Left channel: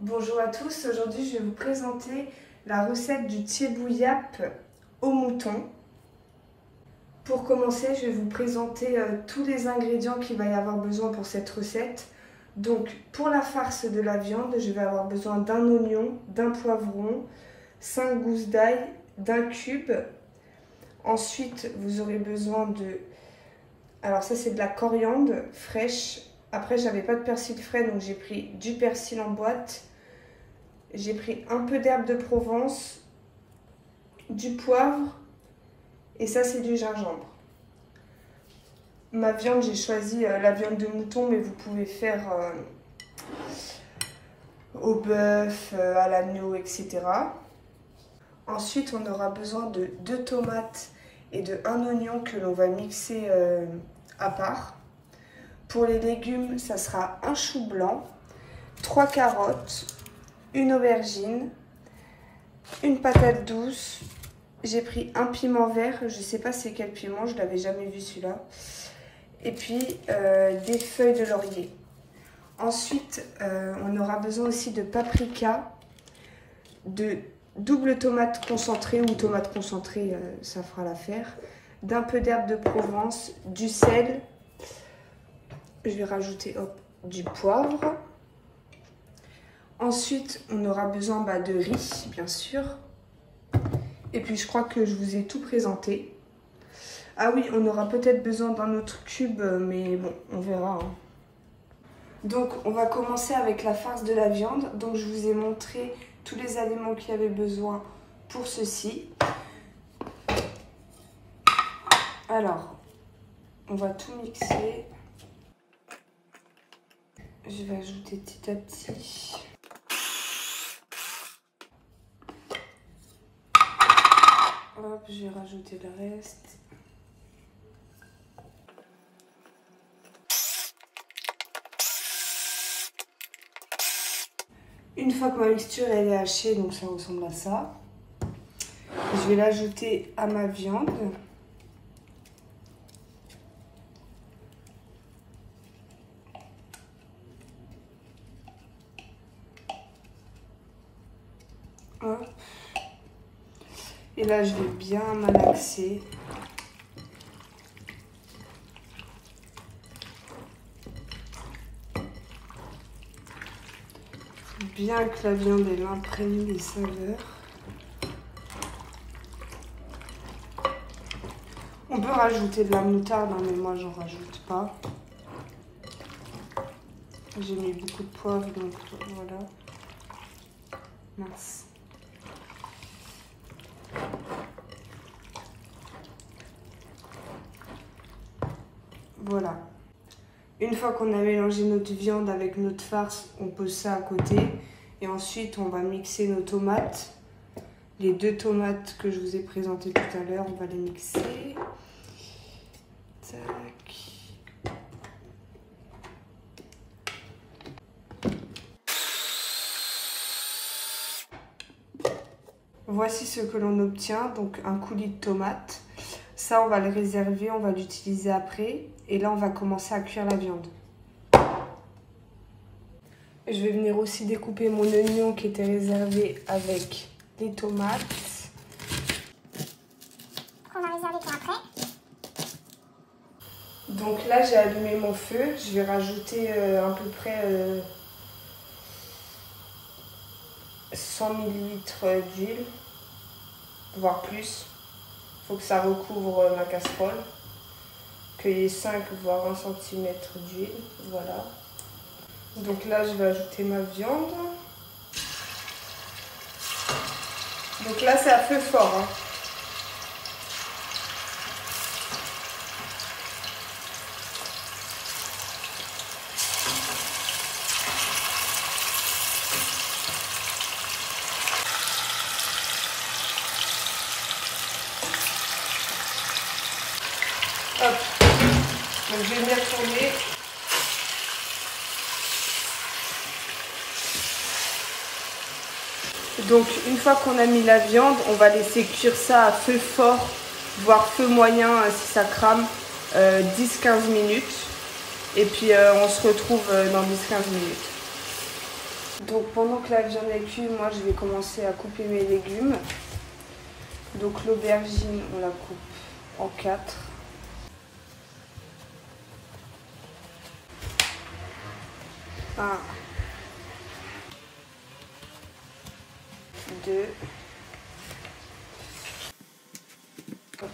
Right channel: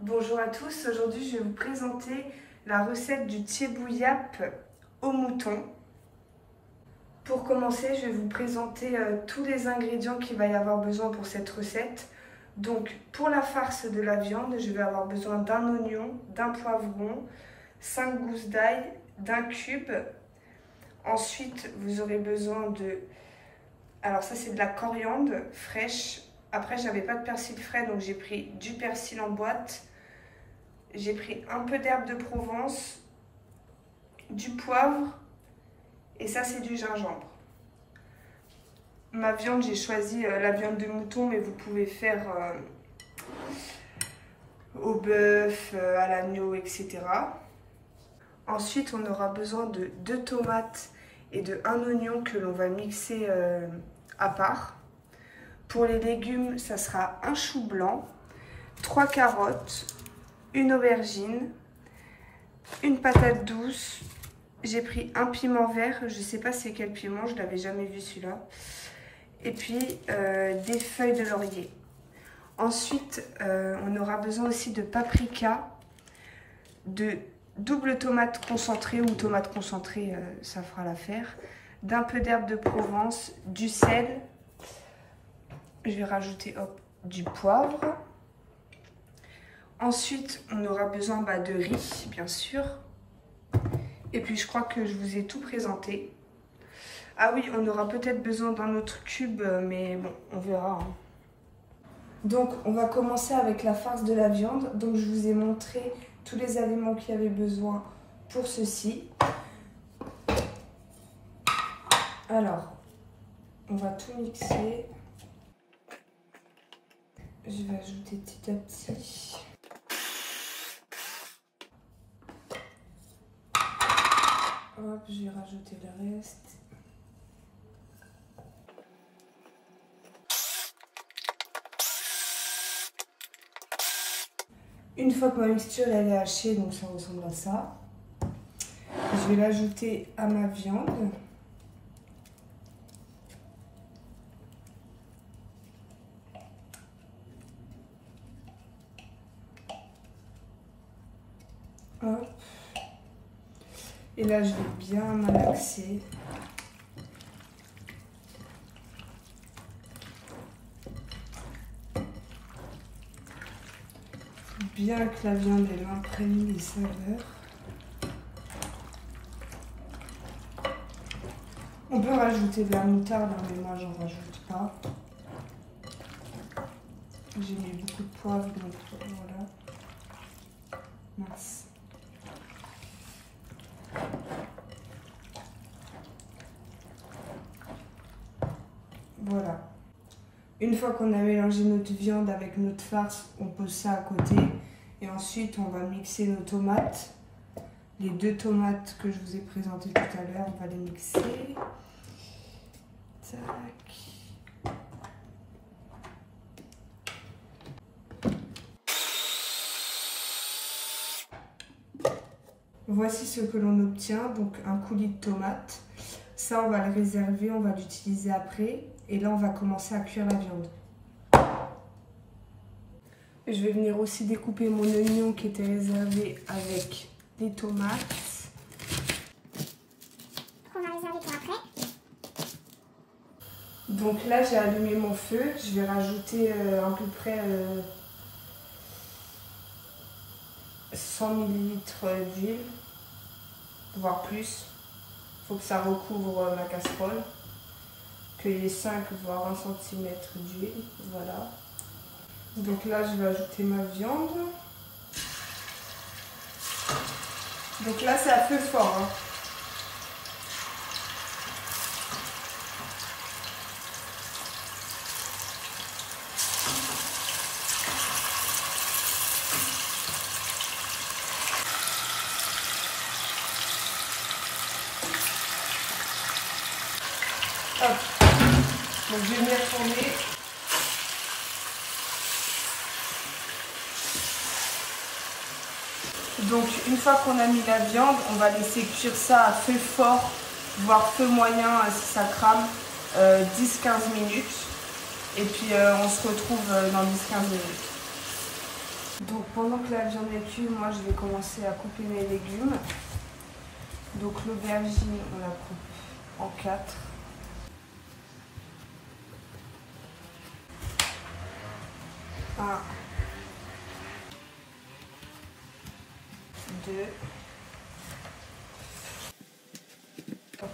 Bonjour à tous, aujourd'hui je vais vous présenter la recette du thiebouillap au mouton. Pour commencer, je vais vous présenter tous les ingrédients qu'il va y avoir besoin pour cette recette. Donc pour la farce de la viande, je vais avoir besoin d'un oignon, d'un poivron, 5 gousses d'ail, d'un cube. Ensuite, vous aurez besoin de... Alors ça c'est de la coriandre fraîche. Après, j'avais pas de persil frais, donc j'ai pris du persil en boîte. J'ai pris un peu d'herbe de Provence, du poivre et ça c'est du gingembre. Ma viande, j'ai choisi la viande de mouton, mais vous pouvez faire au bœuf, à l'agneau, etc. Ensuite, on aura besoin de 2 tomates et de 1 oignon que l'on va mixer à part. Pour les légumes, ça sera un chou blanc, 3 carottes, une aubergine, une patate douce. J'ai pris un piment vert, je ne sais pas c'est quel piment, je ne l'avais jamais vu celui-là. Et puis des feuilles de laurier. Ensuite, on aura besoin aussi de paprika, de double tomate concentrée ou tomate concentrée, ça fera l'affaire, d'un peu d'herbe de Provence, du sel. Je vais rajouter du poivre. Ensuite, on aura besoin de riz, bien sûr. Et puis, je crois que je vous ai tout présenté. Ah oui, on aura peut-être besoin d'un autre cube, mais bon, on verra. Donc, on va commencer avec la farce de la viande. Donc, je vous ai montré tous les éléments qu'il y avait besoin pour ceci. Alors, on va tout mixer. Je vais ajouter petit à petit. Hop, je vais rajouter le reste. Une fois que ma mixture elle est hachée, donc ça ressemble à ça, je vais l'ajouter à ma viande. Hop. Et là, je vais bien malaxer. Bien que la viande elle imprègne les saveurs. On peut rajouter de la moutarde, mais moi j'en rajoute pas. J'ai mis beaucoup de poivre, donc voilà. Mince. Voilà. Une fois qu'on a mélangé notre viande avec notre farce, on pose ça à côté. Et ensuite, on va mixer nos tomates. Les 2 tomates que je vous ai présentées tout à l'heure, on va les mixer. Tac. Voici ce que l'on obtient, donc un coulis de tomates. Ça, on va le réserver, on va l'utiliser après. Et là, on va commencer à cuire la viande. Je vais venir aussi découper mon oignon qui était réservé avec les tomates. On va réserver pour après. Donc là, j'ai allumé mon feu. Je vais rajouter à peu près 100 ml d'huile, voire plus. Il faut que ça recouvre ma casserole. Qu'il y ait 5 voire 1 cm d'huile. Voilà. Donc là, je vais ajouter ma viande. Donc là, c'est à feu fort. Hein. Hop. Donc je vais venir tourner. Donc une fois qu'on a mis la viande, on va laisser cuire ça à feu fort, voire feu moyen si ça crame, 10-15 minutes. Et puis on se retrouve dans 10-15 minutes. Donc pendant que la viande est cuite, moi je vais commencer à couper mes légumes. Donc l'aubergine, on la coupe en 4. Un, 2. Hop.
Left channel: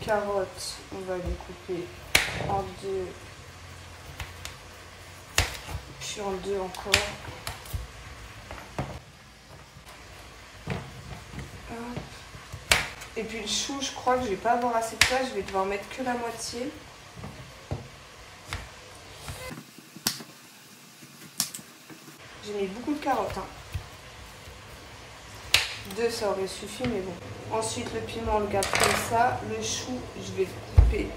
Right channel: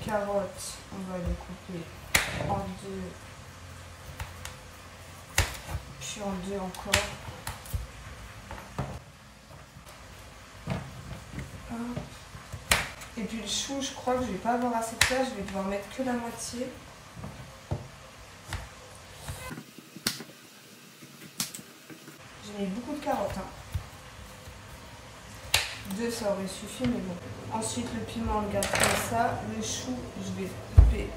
Carottes, on va les couper en 2. Puis en 2 encore. Hop. Et puis le chou, je crois que je vais pas avoir assez de place, je vais devoir mettre que la moitié. J'ai mis beaucoup de carottes. 2, ça aurait suffi, mais bon. Ensuite, le piment, on le garde comme ça. Le chou, je vais le couper.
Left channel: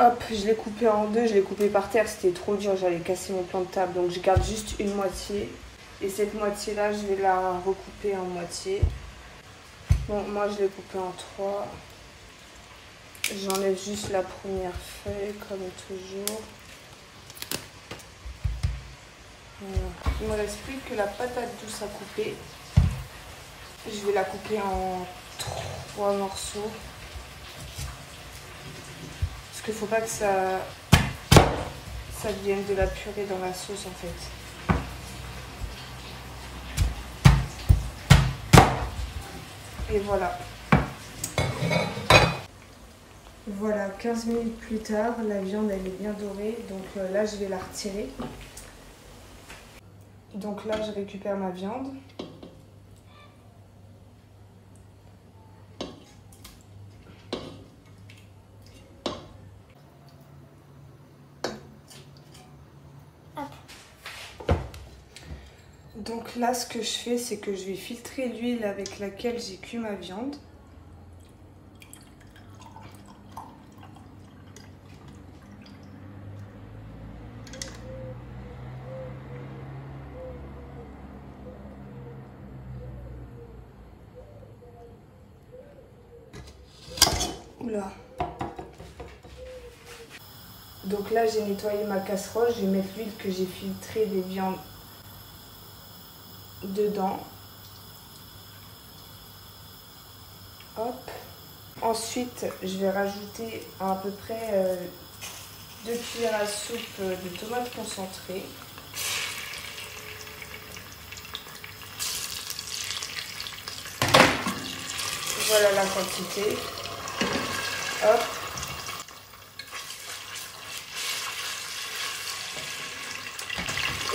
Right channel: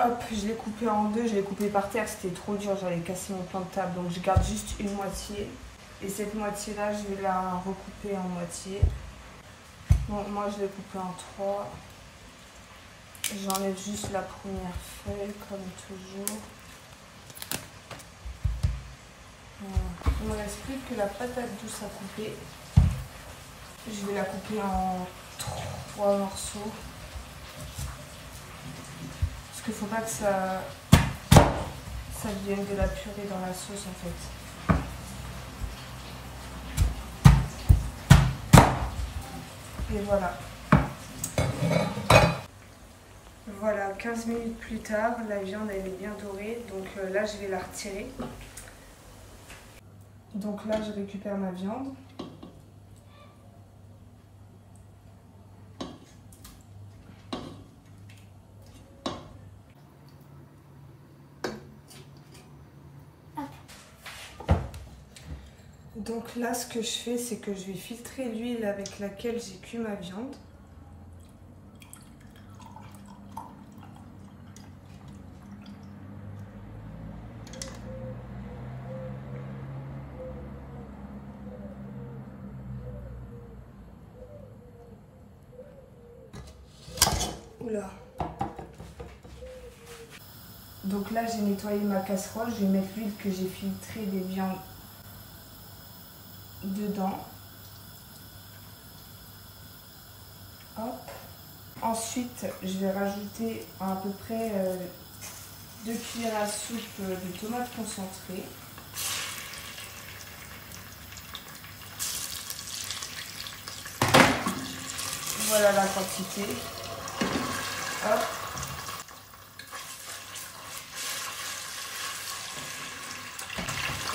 Hop, je l'ai coupé en 2, je l'ai coupé par terre, c'était trop dur, j'allais casser mon plan de table. Donc je garde juste une moitié. Et cette moitié-là, je vais la recouper en moitié. Bon, moi, je l'ai coupé en 3. J'enlève juste la première feuille, comme toujours. Voilà. Il me reste plus que la patate douce à couper. Je vais la couper en 3 morceaux. Parce qu'il ne faut pas que ça devienne de la purée dans la sauce en fait. Et voilà. Voilà, 15 minutes plus tard, la viande elle est bien dorée. Donc là, je vais la retirer. Donc là, je récupère ma viande. Donc là, ce que je fais, c'est que je vais filtrer l'huile avec laquelle j'ai cuit ma viande. Oula. Donc là, j'ai nettoyé ma casserole. Je vais mettre l'huile que j'ai filtrée des viandes dedans. Hop. Ensuite, je vais rajouter à peu près 2 cuillères à soupe de tomates concentrées. Voilà la quantité. Hop.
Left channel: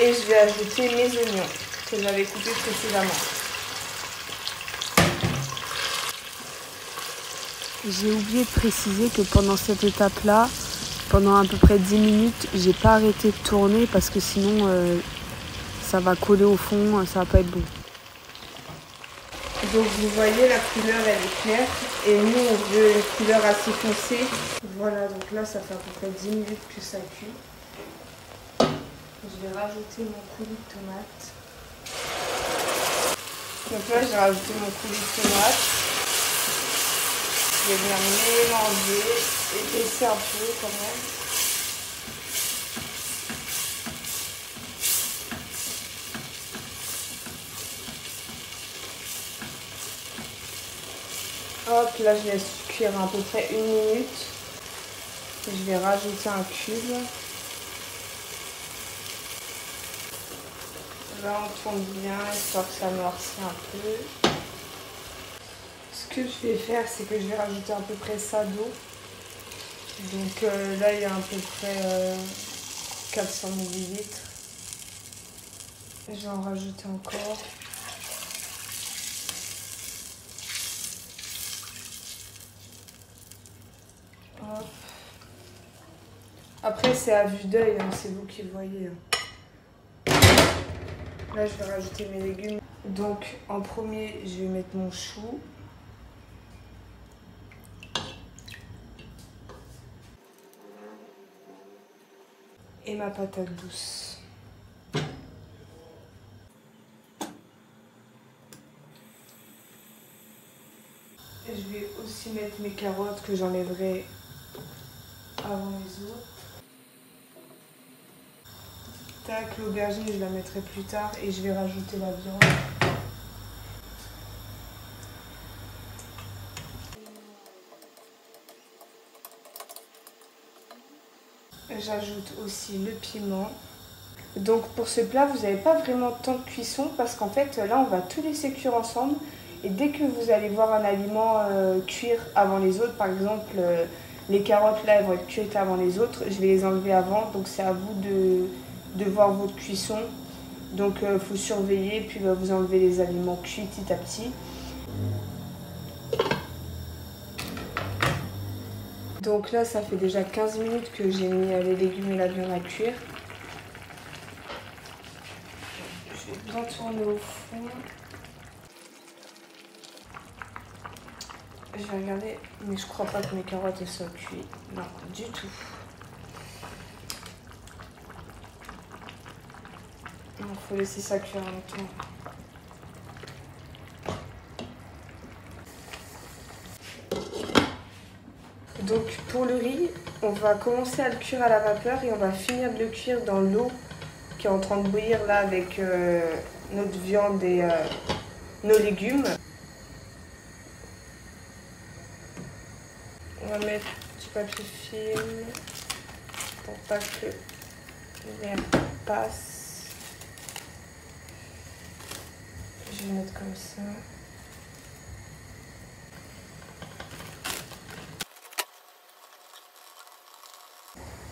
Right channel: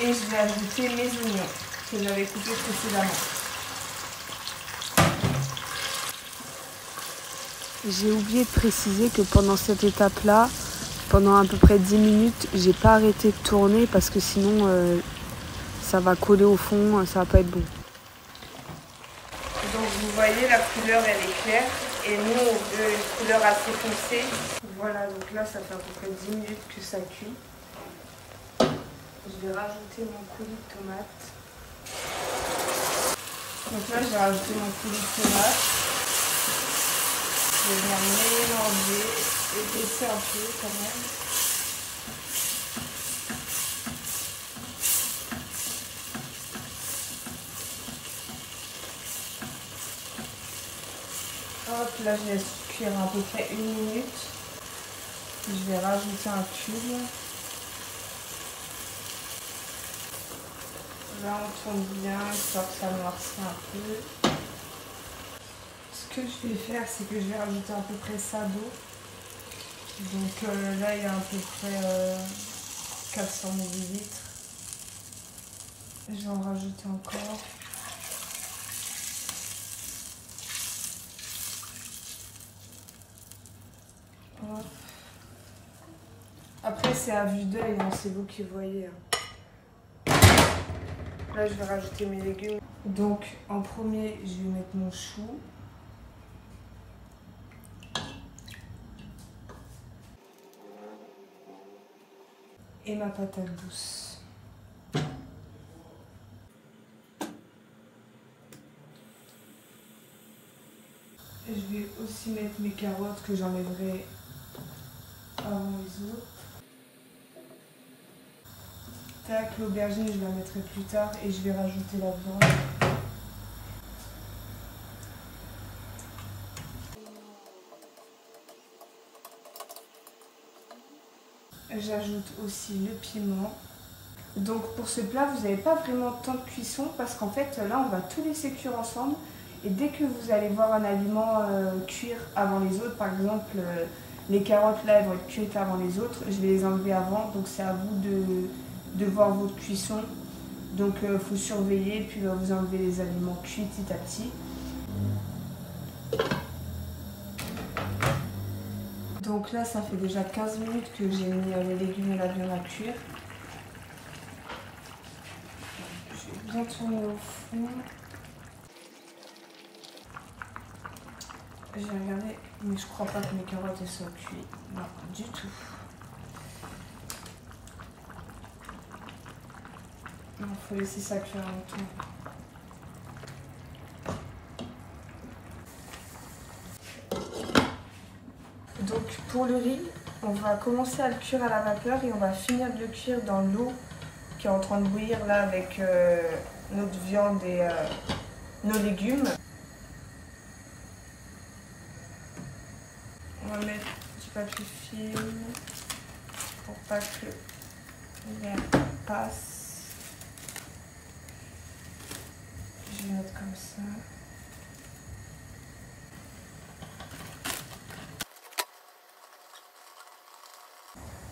Et je vais ajouter mes oignons que j'avais coupés précédemment. J'ai oublié de préciser que pendant cette étape-là, pendant à peu près 10 minutes, j'ai pas arrêté de tourner parce que sinon ça va coller au fond, ça va pas être bon. Donc vous voyez, la couleur elle est claire et nous on veut une couleur assez foncée. Voilà, donc là ça fait à peu près 10 minutes que ça cuit. Je vais rajouter mon coulis de tomate. Donc là j'ai rajouté mon coulis de tomate. Je vais venir mélanger et baisser un peu quand même. Hop, là je laisse cuire à peu près 1 minute. Je vais rajouter un cube. Là on tourne bien, histoire que ça noircisse un peu. Ce que je vais faire, c'est que je vais rajouter à peu près ça d'eau. Donc là il y a à peu près 400 ml. Je vais en rajouter encore. Hop. Après c'est à vue d'œil, hein, c'est vous qui le voyez. Là je vais rajouter mes légumes. Donc en premier je vais mettre mon chou. Et ma patate douce. Je vais aussi mettre mes carottes que j'enlèverai là que l'aubergine, je la mettrai plus tard et je vais rajouter la viande. J'ajoute aussi le piment. Donc pour ce plat, vous n'avez pas vraiment de temps de cuisson parce qu'en fait là on va tout laisser cuire ensemble et dès que vous allez voir un aliment cuire avant les autres, par exemple les carottes là elles vont être cuites avant les autres, je vais les enlever avant, donc c'est à vous de voir votre cuisson. Donc il faut surveiller puis vous enlevez les aliments cuits petit à petit. Donc là ça fait déjà 15 minutes que j'ai mis les légumes et la viande à cuire. Je vais bien tourner au fond. Je vais regarder, mais je crois pas que mes carottes elles soient cuites. Non, du tout. Il faut laisser ça cuire longtemps. Donc pour le riz, on va commencer à le cuire à la vapeur et on va finir de le cuire dans l'eau qui est en train de bouillir là avec notre viande et nos légumes. On va mettre du papier film pour pas que l'air passe. Je vais mettre comme ça.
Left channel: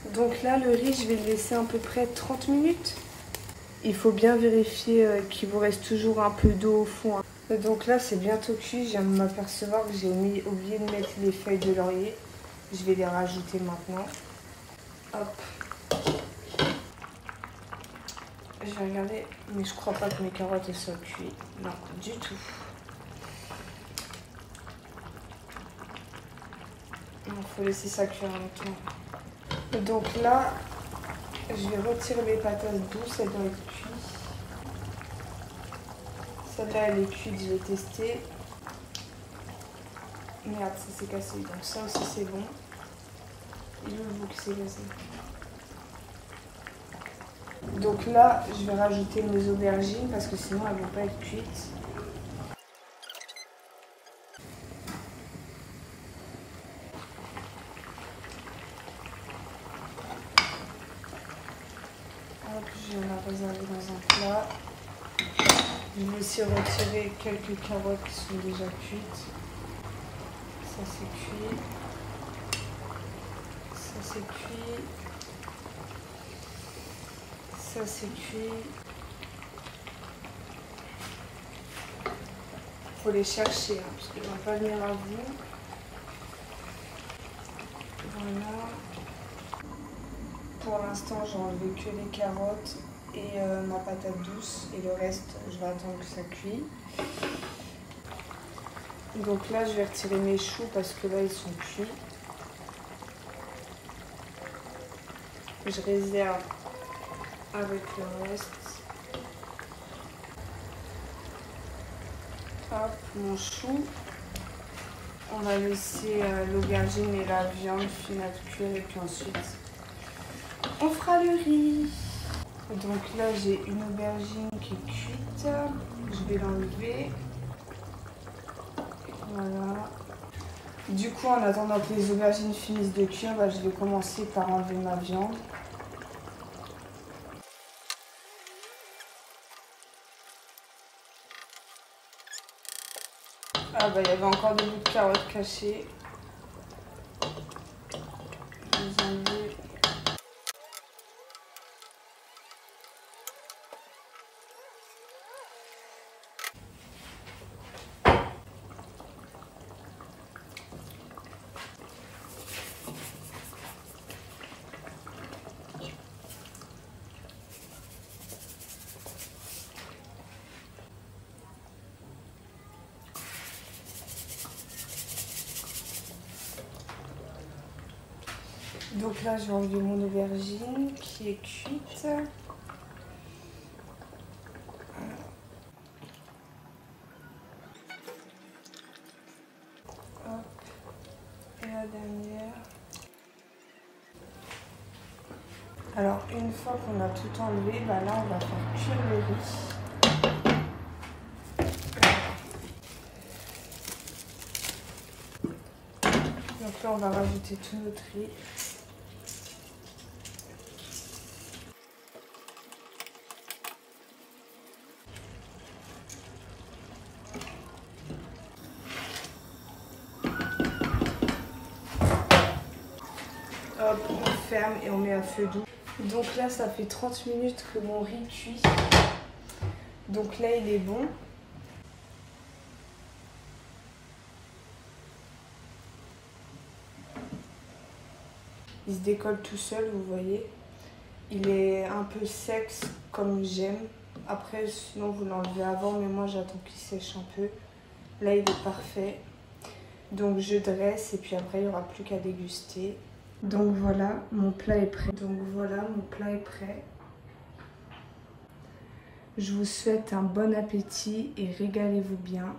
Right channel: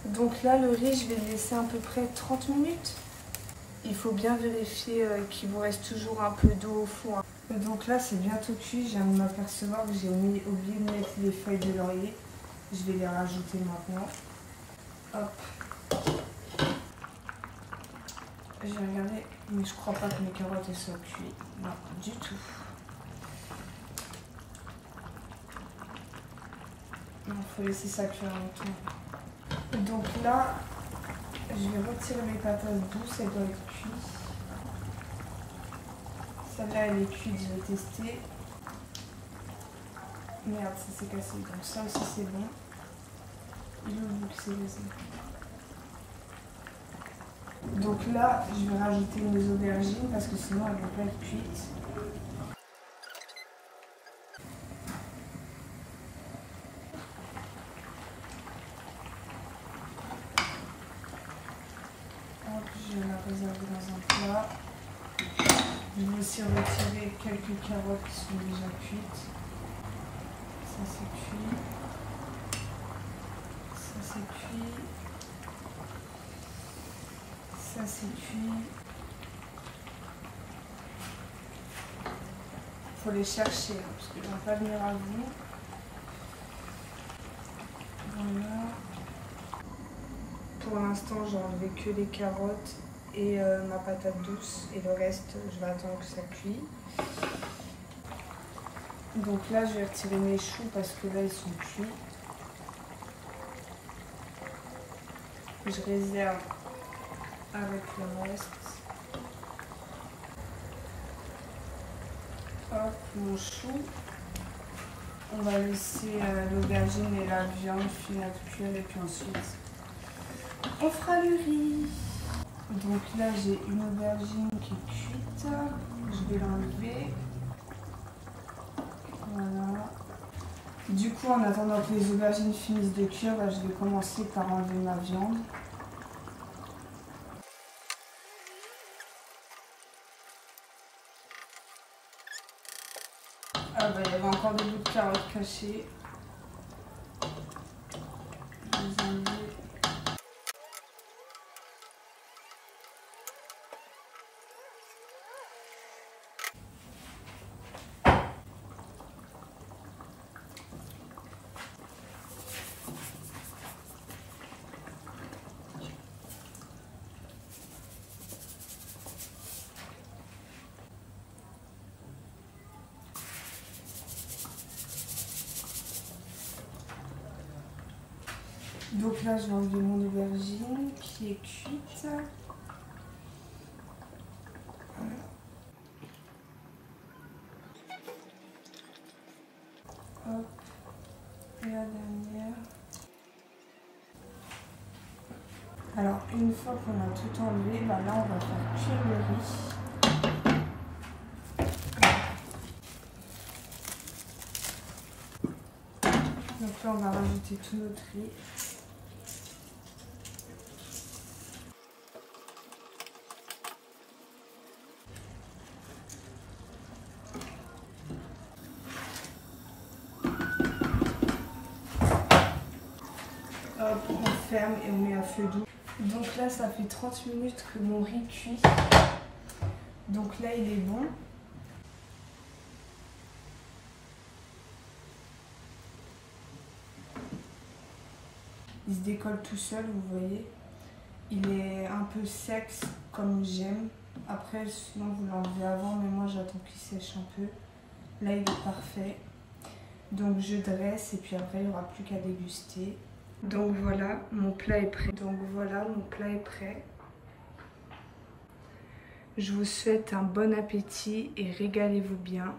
Donc là, le riz, je vais le laisser à peu près 30 minutes. Il faut bien vérifier qu'il vous reste toujours un peu d'eau au fond. Donc là, c'est bientôt cuit. Je viens de m'apercevoir que j'ai oublié de mettre les feuilles de laurier. Je vais les rajouter maintenant. Hop. Je vais regarder, mais je crois pas que mes carottes elles soient cuites. Non, du tout. Il faut laisser ça cuire longtemps. Donc là, je vais retirer les patates douces, elles doivent être cuites. Celle-là, elle est cuite, je vais tester. Merde, ça s'est cassé. Donc ça aussi, c'est bon. Il est où le bout qui s'est cassé? Donc là, je vais rajouter mes aubergines parce que sinon, elles ne vont pas être cuites. Hop, je vais la réserver dans un plat. Je vais aussi retirer quelques carottes qui sont déjà cuites. Ça c'est cuit. Ça c'est cuit. Ça c'est cuit. Faut les chercher hein, parce qu'ils ne vont pas venir à vous. Voilà. Pour l'instant, j'ai enlevé que les carottes et ma patate douce et le reste, je vais attendre que ça cuit. Donc là, je vais retirer mes choux parce que là, ils sont cuits. Je réserve avec le reste. Hop, mon chou. On va laisser l'aubergine et la viande finir de cuire et puis ensuite, on fera le riz. Donc là, j'ai une aubergine qui est cuite. Je vais l'enlever. Voilà. Du coup, en attendant que les aubergines finissent de cuire, je vais commencer par enlever ma viande. Ah bah, il y avait encore des bouts de carottes cachés. Je vais les enlever. Donc là, je vais enlever mon aubergine qui est cuite. Hop. Et la dernière. Alors une fois qu'on a tout enlevé, bah là on va faire cuire le riz. Donc là on va rajouter tout notre riz. Hop, on ferme et on met à feu doux. Donc là ça fait 30 minutes que mon riz cuit. Donc là il est bon. Il se décolle tout seul, vous voyez. Il est un peu sec comme j'aime. Après, sinon vous l'enlevez avant, mais moi j'attends qu'il sèche un peu. Là, il est parfait. Donc je dresse et puis après, il n'y aura plus qu'à déguster. Donc voilà, mon plat est prêt. Je vous souhaite un bon appétit et régalez-vous bien.